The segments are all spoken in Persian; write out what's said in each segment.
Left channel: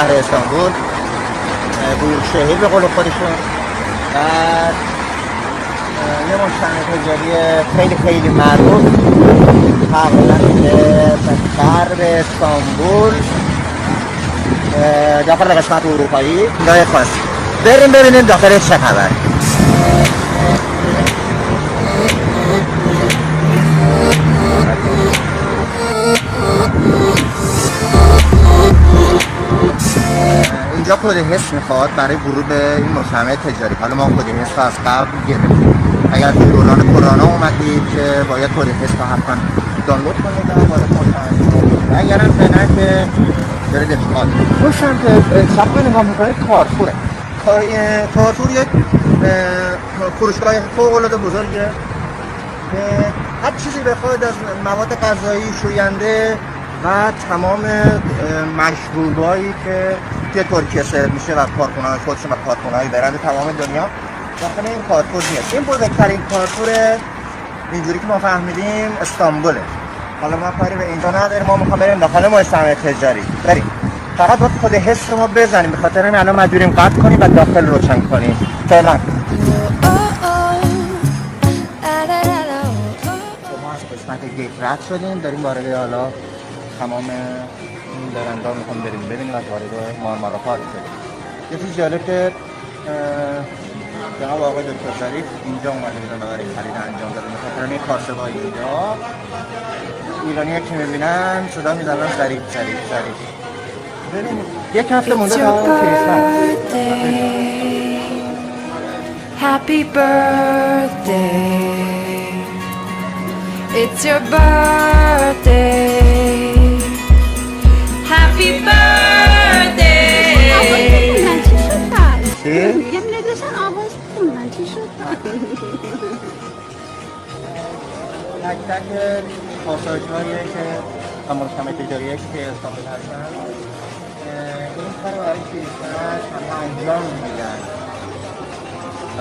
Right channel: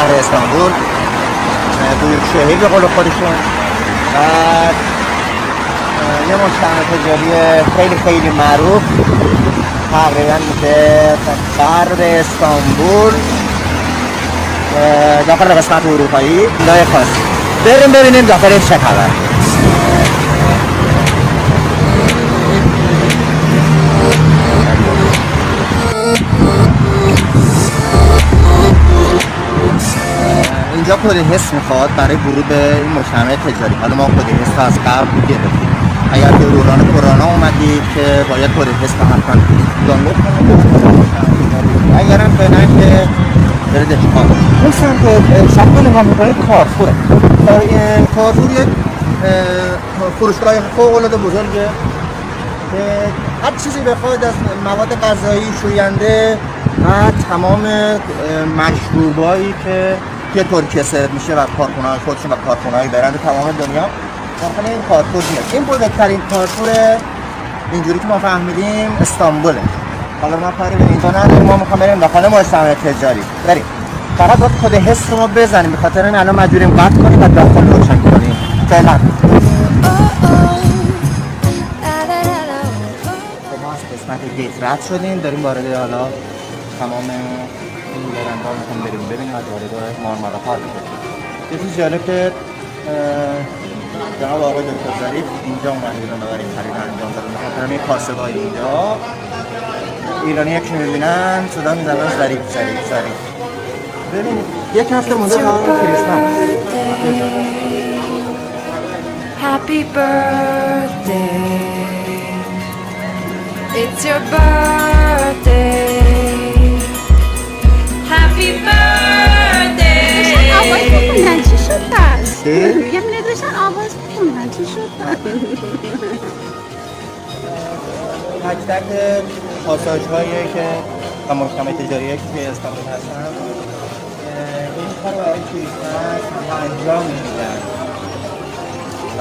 شهر استانبول، بزرگشاهی به قول خودشون، و یه مستند تجاری خیلی معروف تقریبا غرب استانبول داخل قسمت اروپایی لای خاصی. بریم ببینیم داخلش چه خبر. اینجا کد حس میخواد برای ورود به این مجتمع تجاری. حالا ما کد حس از قبل دیدیم. اگر به دوران کرونا اومدید که باید کد حس رو حتما دانلود کنید. اگرم فعلا که داریم به چیکار کنید. اون سمت نگاه میکنید کارفوره. کارفور یک فروشگاه فوق‌العاده بزرگه که هر چیزی بخواید از مواد غذایی، شوینده و تمام مشروبایی که ترکیه سرو میشه و کارخونه‌های خودش و کارخونه‌های برند تمام دنیا داخل این کارفور میشه. این بزرگترین کارفور اینجوری که ما فهمیدیم استانبوله. حالا ما کاری به اینجا نداریم، ما میخوام بریم داخل مجتمع تجاری. بریم. فقط باید کد حس رو بزنیم، به خاطر این الان مجبوریم قطع کنیم و داخل روشن کنیم. فعلا ما از قسمت گیت رد شدیم، داریم وارد حالا تمام این برندها میخوام بریم ببینیم از وارد مارمارا پارک بشیم. یه چیز جالب که جناب آقای انتظاری اینجا اومدن برای خرید انجام دادن. همه کاسبای اینجا ایرانی که میبینن صدا میزنن ظریف. ببینید یک هفته It's your birthday. Happy birthday. It's your birthday. Happy birthday. تک پاساژهایی که و مجتمع تجاری که توی استانبول هستن این کار رو تنها انجام میدن و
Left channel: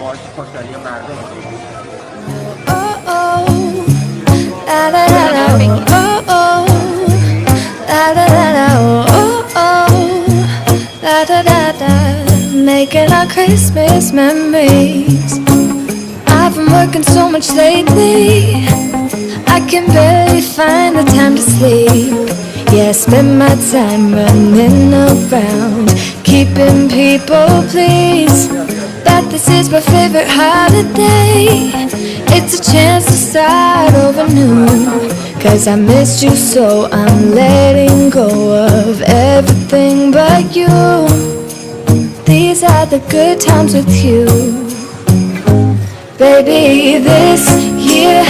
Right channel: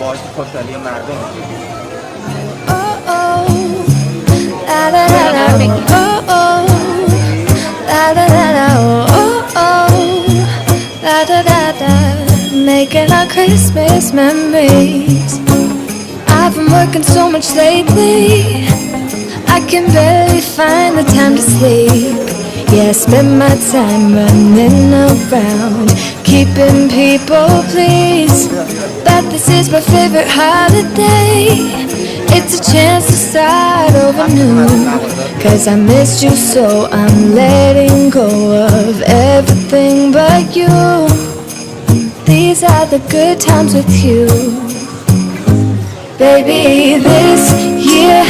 باعث خوشحالی مردم میشه. Making our Christmas memories. I've been working so much lately, I can barely find the time to sleep. Yeah, I spend my time running around, keeping people pleased. That this is my favorite holiday. It's a chance to start over new, 'cause I missed you so I'm letting go of everything but you. These are the good times with you. Baby, this year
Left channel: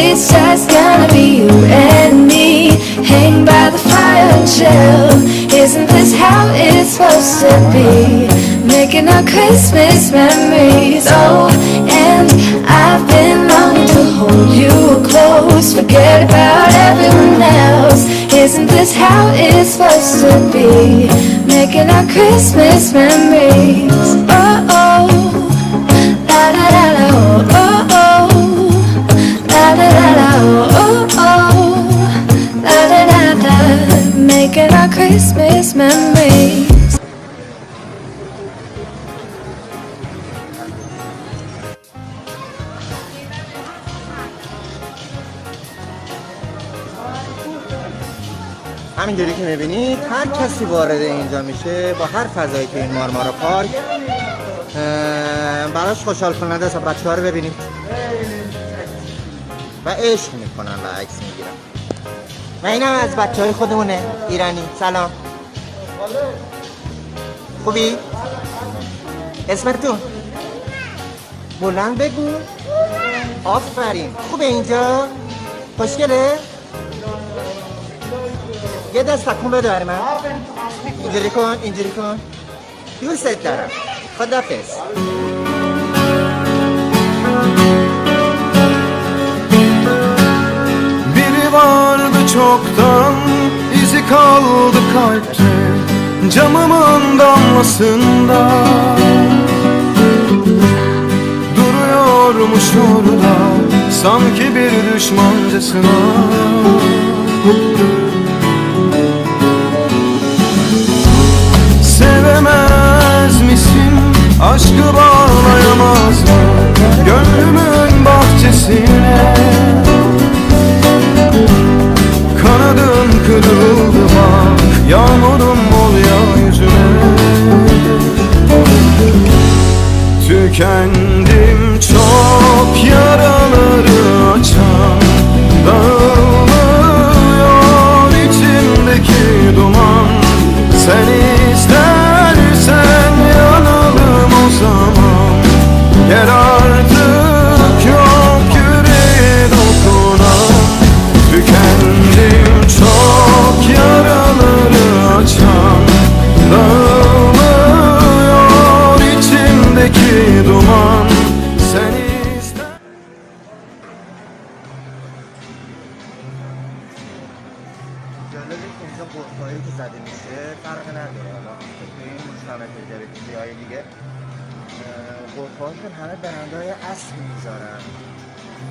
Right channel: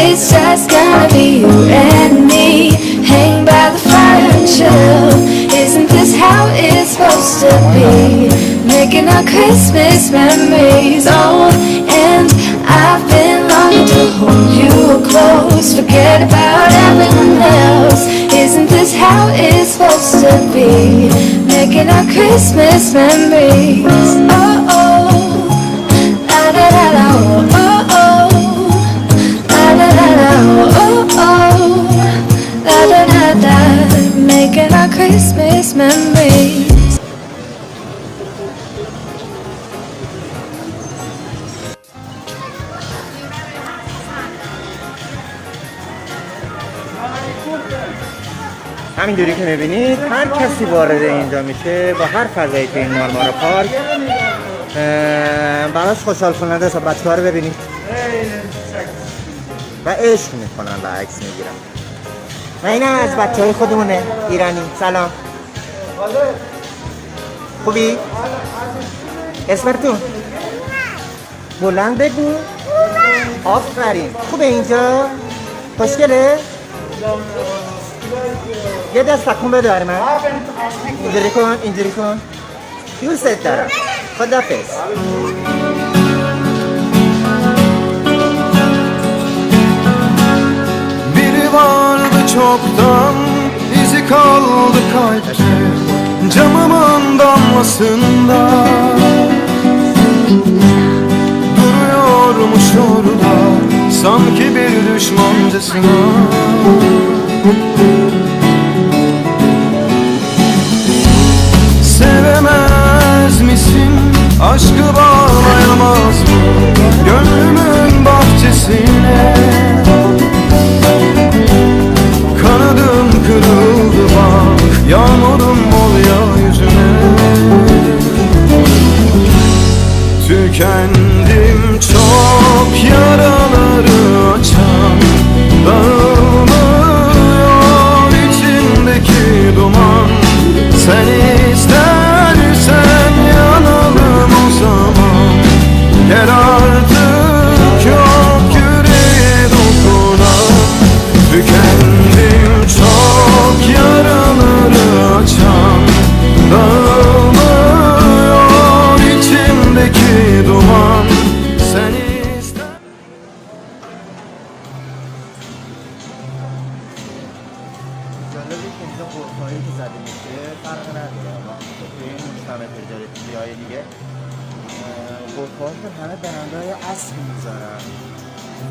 it's just gonna be you and me. Hang by the fire and chill. Isn't this how it's supposed to be? Making our Christmas memories. Oh, and I've been longing to hold you close. Forget about everyone else. Isn't this how it's supposed to be? Making our Christmas memories. Oh, oh. La da da da, oh, oh. La da da da, oh, oh. La da da da. Making our Christmas memories. همینجوری که میبینید هر کسی وارد اینجا میشه با هر فضایی که این مارمارا پارک براش خوشحال کننده است. بچه ها رو ببینید و عشق میکنن و عکس میگیرن. و این هم از بچه های خودمونه ایرانی. سلام، خوبی؟ اسمت تو؟ بلند بگو. آفرین. خوبه اینجا؟ خوشگله؟ یه دست تکون بده برای من. اینجوری کن. دوست دارم. خداحافظ. Biri vardı çoktan, izi kaldı kalpte, camımın damlasında. Duruyormuş orada, sanki bir düşmancasına. aşkı bağlayamaz mı gönlümün bahçesine? Kanadın kırıldı bak, yağmurum ol ya yüzüne. Tükendim çok, yaraları açan dağılmıyor içimdeki duman. Sen istersen yanalım o zaman. Gel artık, yok yüreğe dokunan. Tükendim çok, yaraları açan dağılmıyor içimdeki duman. Sen ister.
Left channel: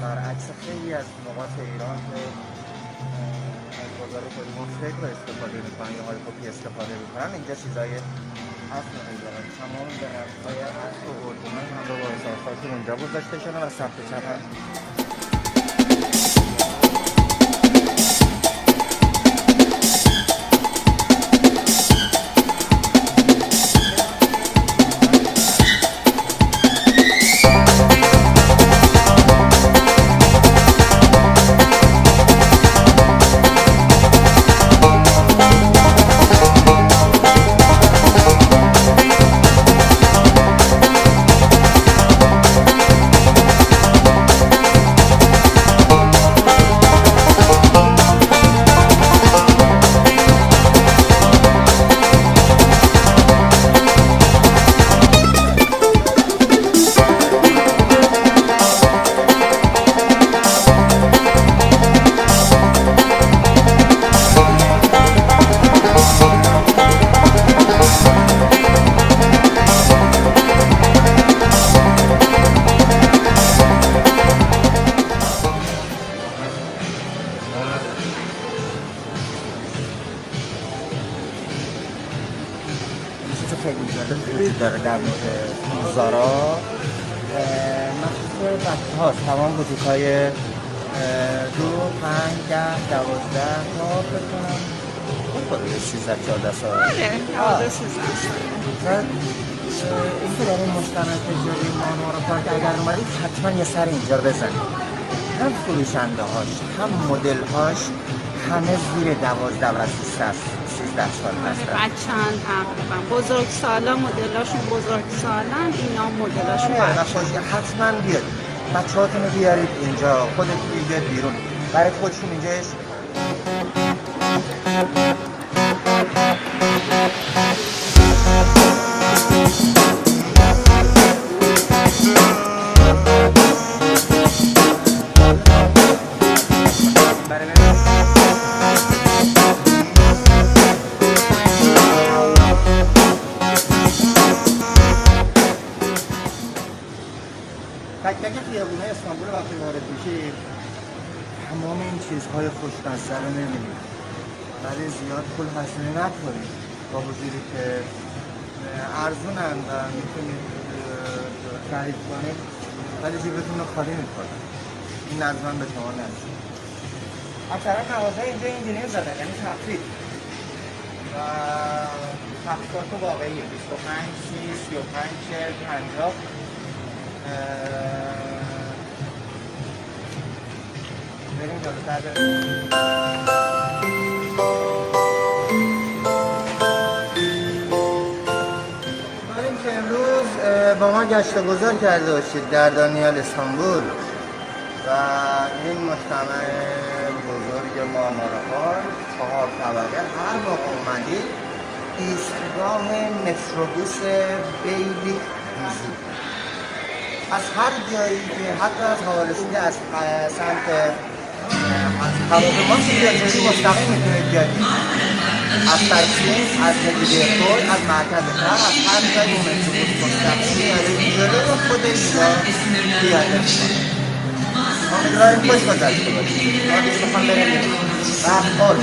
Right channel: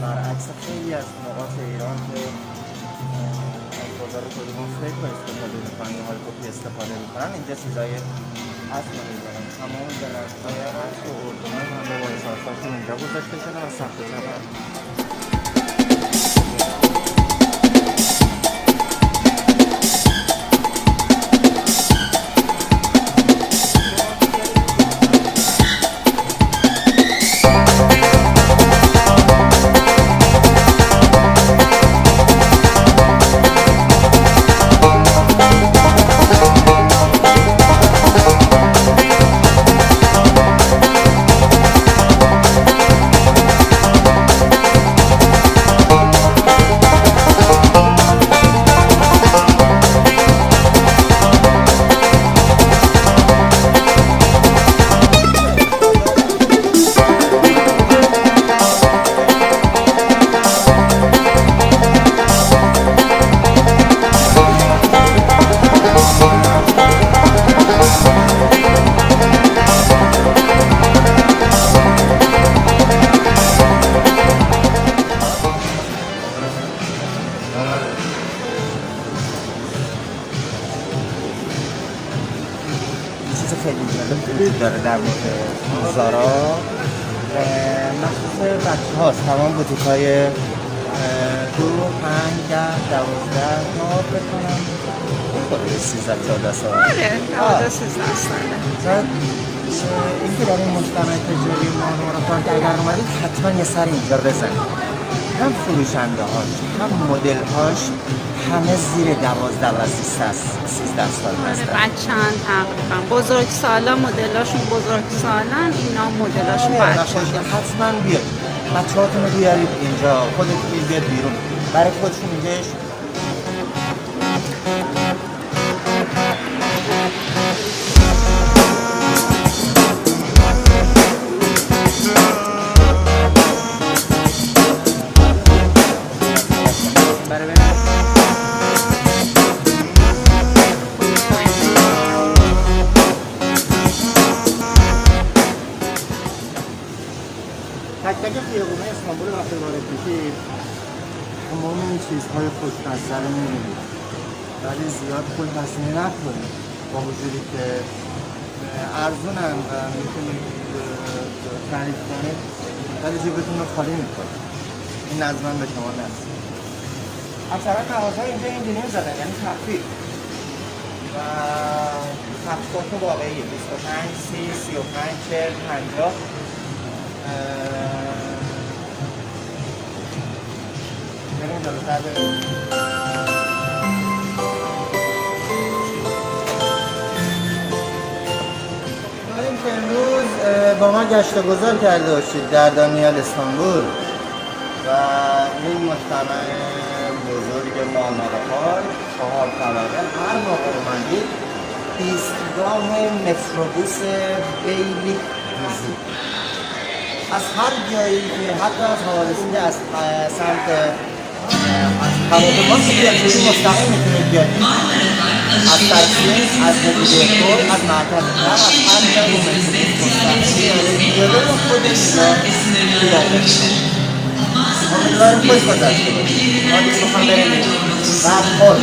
برعکس خیلی از نقاط ایران توی بازار مختلف استفاده میکنن، اینجا چیزای اصل میکنن. تمام دلارهای اصل و اردنان همه با اضافه‌هاشون اینجا گذاشته شده و ثبت شده. داره در زارا مخصوص بچه هاست. تمام بوتیک های 2، 5، 10، 12 13 14 سال. آره 12 13 سال. اینکه در این مستند تجاری ماهوارا در اومدید حتما یه سر اینجا بزنید. هم فروشنده هاش هم مدل هاش همه زیر 12 و 13 سال هستن. بچه‌ان هم بزرگ سالا مدلاشون بزرگ سالن، اینا مدلاشون بچه‌ان. حتما بیاد بچه هاتون رو بیارید اینجا، خودتون بیاد بیرون برای خودشون اینجاش. تک تک خیابون‌های استانبول وقتی وارد بشید تمام این چیزهای خوش‌بصره می‌بینید، ولی زیاد پول مصرف نکنید با وجودی که ارزونن و میتونید خرید کنید، ولی جیبتون رو خالی می‌کنید. این از من به شما نرسید. اکثرا تماشا اینجا این بیرون زدن، یعنی تخفیف و تخفیفات واقعی 25 30 35 40 50. با ما گشت و گذار کرده باشید در دانیال استانبول و این مجتمع بزرگ مامورا پارک 4 طبقه. هر موقع اومدید ایستگاه متروبوس خیلی روزی از هر جایی که حتی از حوادثی از سمت خانوما که مستقیم میتونید بیاد از ترسیم، از دیگه‌تور، از مرکز کم، از هر جایی مستقیم بیاد رو خودش بیاد امیدواریم خوش گذاشت آدی سخن بریم رفت خود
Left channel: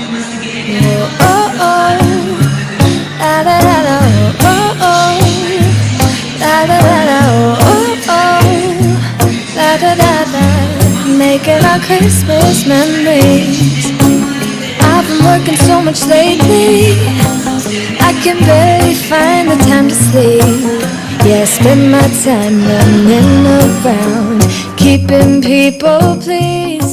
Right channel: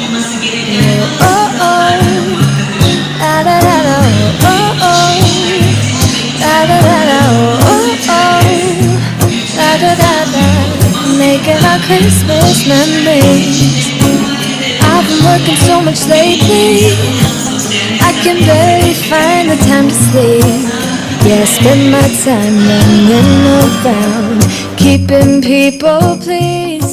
La da da da, oh oh, la da da. making our Christmas memories. I've been working so much lately, I can barely find the time to sleep. Yeah, I spend my time running around, keeping people pleased.